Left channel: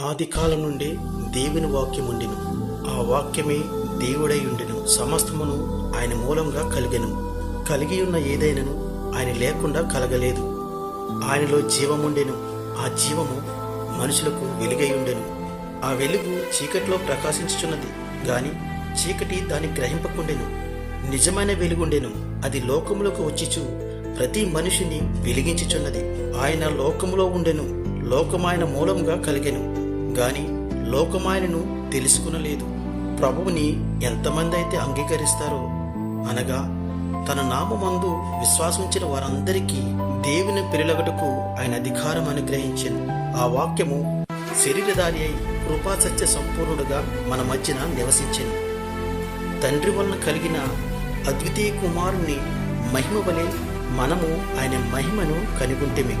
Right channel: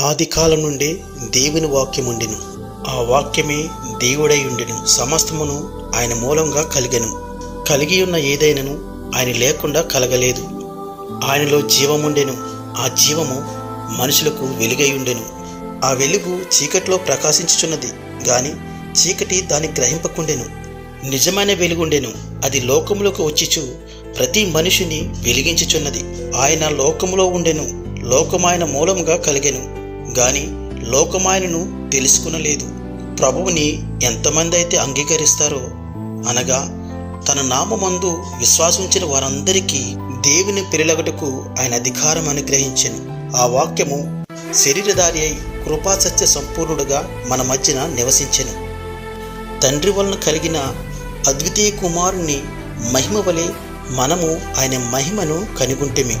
ఆది కాలం నుండి దేవుని వాక్యం ఉండెను ఆ వాక్యమే దేవుడై ఉండెను. సమస్తమును ఆయన మూలంగా కలిగెను. కలిగి ఉన్న ఏదైనను ఆయన లేకుండా కలగలేదు. ఆయనలో జీవముండెను. ఆ జీవము మనుషులకు వెలుగై ఉండెను. ఆ వెలుగు చీకట్లో ప్రకాశించుచున్నది. గాని చీకటి దాన్ని గ్రహింపకుండెను. నిజమైన వెలుగుండెను. అది లోకములోకి వచ్చిచు ప్రతి మనిషిని వెలిగించుచున్నది. ఆయన లోకములో ఉండెను. లోకమాయన మూలముగా కలిగెను. గాని లోకమాయనను తెలుసుకునలేదు. ప్రభువుని ఎంతమంది అయితే అంగీకరిస్తారో అనగా తన నామమందు విశ్వాసించిన వారందరికీ దేవుని పిల్లలగటకు ఆయన అధికారం అనుగ్రహించను. ఆ వాక్యము శరీరధారి అయి కృపాసత్య సంపూర్ణుడుగా మన మధ్యన నివసించను. తండ్రి వలన కలిగిన అద్వితీయ కుమారుని మహిమ వలె మనము ఆయన మహిమను కనుగొంటిమి.